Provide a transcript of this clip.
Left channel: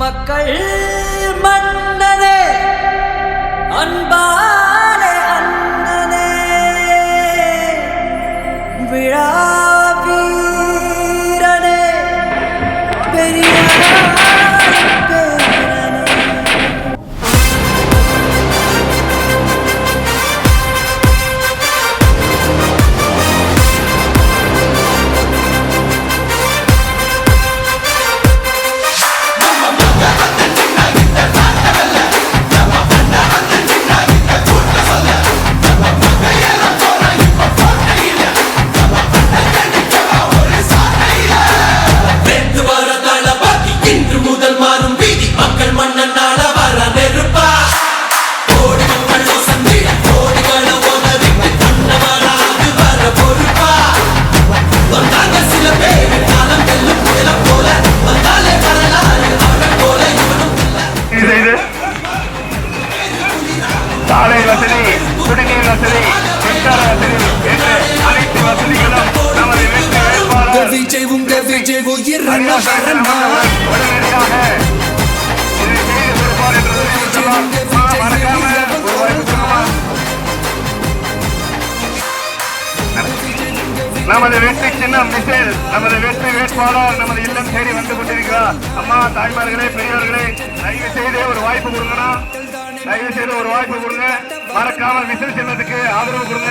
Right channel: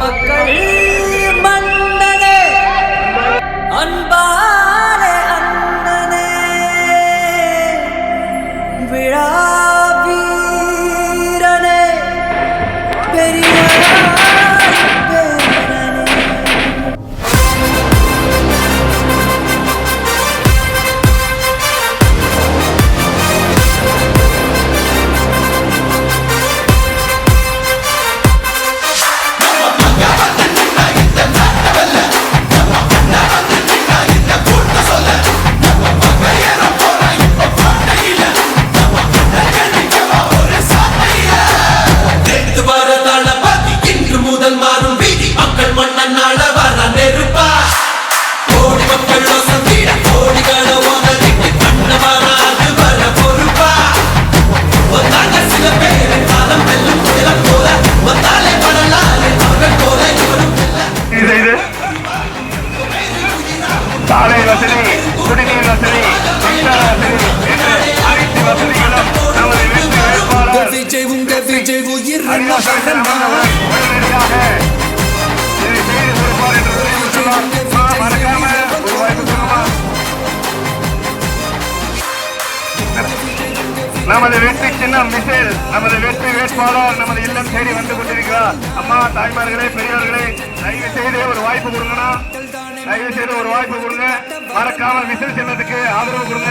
மக்கள் மன்னனே அன்பாலே அண்ணனே விழா வீரனே பெரியார் பேரனே. சாலை வசதி, குடிநீர் வசதி, மின்சார வசதி என்று அனைத்து வசதிகளும் நமது வெற்றி வேட்பாளர் உடனடியாக இதை செய்து கொடுப்பார் என்று மறக்காம ஒரு வாய்ப்பு கொடுக்குமா? நமது வெற்றி சின்னம் மிசைல், நமது வெற்றி வேட்பாளர் நமது இல்லம் தேடி வந்து கொண்டிருக்கிறார். அம்மா, தாய்மார்களே, பெரியவர்களே, தயவு செய்து ஒரு வாய்ப்பு கொடுங்கண்ணா, தயவு செய்து ஒரு வாய்ப்பு கொடுங்க. மறக்காம மிசைல் சின்னத்துக்கு ஆதரவு கொடுங்க.